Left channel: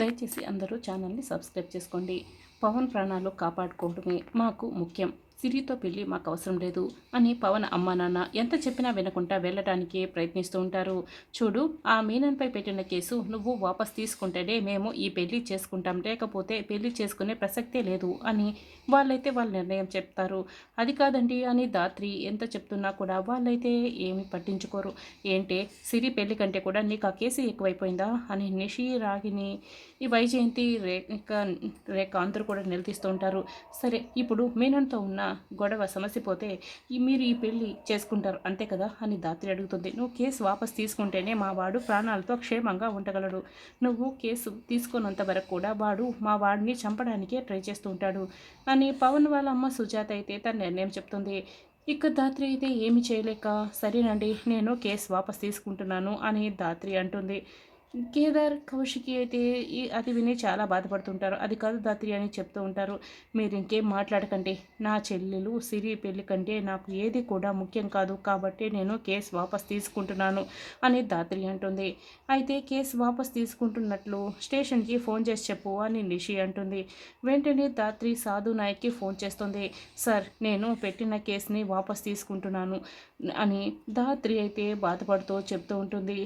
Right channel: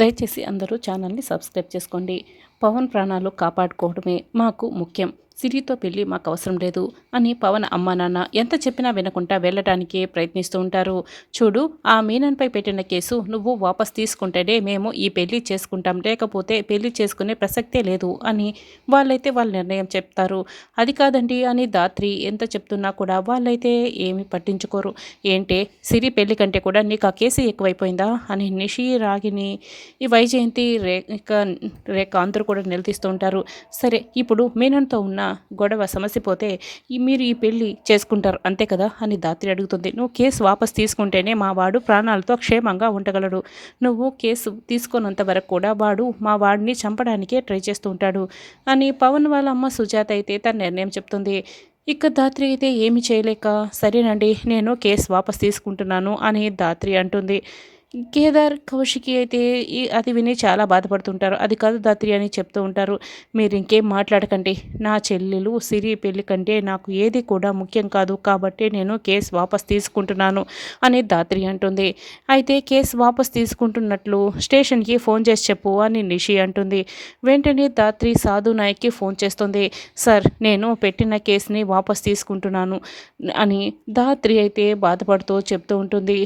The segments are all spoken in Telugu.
దయచేసి అందరూ ఛానల్ని సబ్స్క్రైబ్ చేసుకోండి. పవన్ ప్రాణాలు కాపాడుకోవడమే మాకు ముఖ్యం. సిరితో పెళ్ళి మాకు అవసరం లేదు అని పవన్ అమ్మా నాన్న ఎంత చెప్పినా వినకుండా వెళ్ళటానికే ప్రయత్నిస్తూ ఉంటారు. చూడు, ఆ మీనన్పై పెట్టిన కేసు నువ్వు వాపస్ తీసుకుంటేనే మేము ఈ పెళ్లి చేసుకుంటాం, లేకపోతే పెళ్లి చేసుకునే ప్రసక్తే లేదు అని వాళ్ళైతే వాళ్ళ నిర్ణయం చెప్తారు. అది కాదండి అని ధాత్రి ఎంత చెప్తున్నా కూడా వాళ్ళైతే ఏమి పట్టించుకోరు. ఏంటే సిరి పెళ్లి కంటే కూడా నీకు ఆ కేసు ఎక్కువైపోయిందా అని నిషి, రాగిని, ఈ వైజయంతి, రేఖ అందరూ కూడా నిలదీస్తూ ఉంటారు. సరే, ఇప్పుడు మీనన్తో ఉన్న గొడవ సమస్య పోతే మీరు ఈ పెళ్లి చేసుకుంటారు అంతే కదా అని ధాత్రి అడుగుతుంది. నువ్వు కేసు వాపస్ తీసుకుంటేనే మా వాడు ప్రాణాలతో క్షేమంగా ఉండగలడు. నువ్వు కేసు తీసుకున్నంత వరకు కూడా వాడు మా వాడిని చంపడానికే ట్రై చేస్తూ ఉంటాడు అని పవన్ వాళ్ళ అమ్మ సుజాత అయితే తన నిర్ణయం చెప్తుంది. ఇక ధాత్రి అయితే ఏమి చేయలేక సరేనండి నేను కేసు వాపస్ తీసుకుంటున్నాను అని ధాత్రి అంటుంది. కేదార్, కౌశికి అయితే అది విని చాలా బాధపడుతుంటారు. అది కాదు ధాత్రి అని చెప్తూ ఉంటారు. మీరు ఇంకేం మాట్లాడకండి, నా చెల్లెలు సిరి పెళ్లి కంటే నాకు ఏది కూడా ముఖ్యం కాదు, కాబట్టి నేను కేసు వాపస్ తీసుకుంటున్నాను అని ధాత్రి అంటుంది. అయితే కేసు వాపస్ తీసుకుంటున్నట్లు స్టేషన్కి ఫోన్ చేసి చెప్పు అని నిషి అంటుంది. వెంటనే ధాత్రి సాధు నాయక్కి ఫోన్ చేస్తుంది. సార్, నేను పెట్టిన కేసుని వాపస్ తీసుకుంటున్నాను అని ధాత్రి అయితే బాధపడుతూ చెప్తూ ఉంటుంది.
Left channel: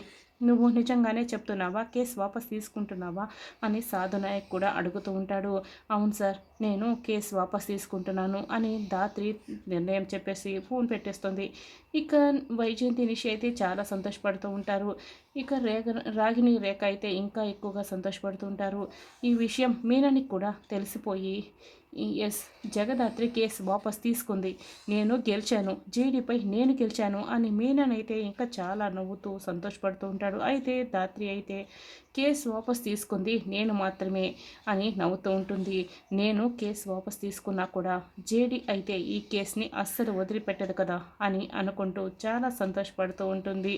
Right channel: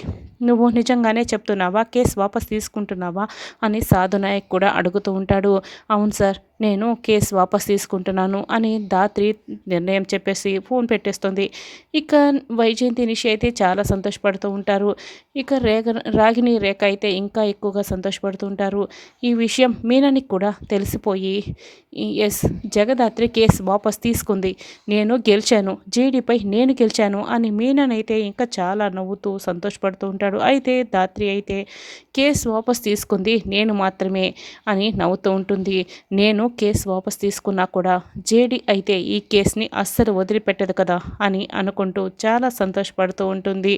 నువ్వు నిజంగానే చెప్తున్నావా, కేసు వాపస్ తీసుకుంటున్నావా అని సాధు నాయక్ కూడా అడుగుతూ ఉంటాడు. అవును సార్, నేను కేసు వాపస్ తీసుకుంటున్నాను అని ధాత్రి నిర్ణయం చెప్పేసి ఫోన్ పెట్టేస్తుంది. ఇక వైజయంతి, నిషి అయితే చాలా సంతోషపడుతూ ఉంటారు. ఇక రాగిని, రేఖ అయితే ఇంకా ఎక్కువగా సంతోషపడుతూ ఉంటారు. ఈ విషయం మీనానికి కూడా తెలిసిపోయి ఎస్, జగదాత్రి కేసు వాపస్ తీసుకుంది, నేను గెలిచాను, జేడీపై నేను గెలిచాను అని మీననైతే ఇంకా చాలా నవ్వుతూ సంతోషపడుతూ ఉంటాడు. అయితే ధాత్రి అయితే కేసు వాపస్ తీసుకుంది నేను మాత్రమే అని నవ్వుతూ ఉంటుంది. నేను కేసు వాపస్ తీసుకున్నా కూడా జేడీ అయితే ఈ కేసుని అస్సలు వదిలిపెట్టదు కదా అని అనుకుంటూ చాలా సంతోషపడుతూ ఉంటుంది.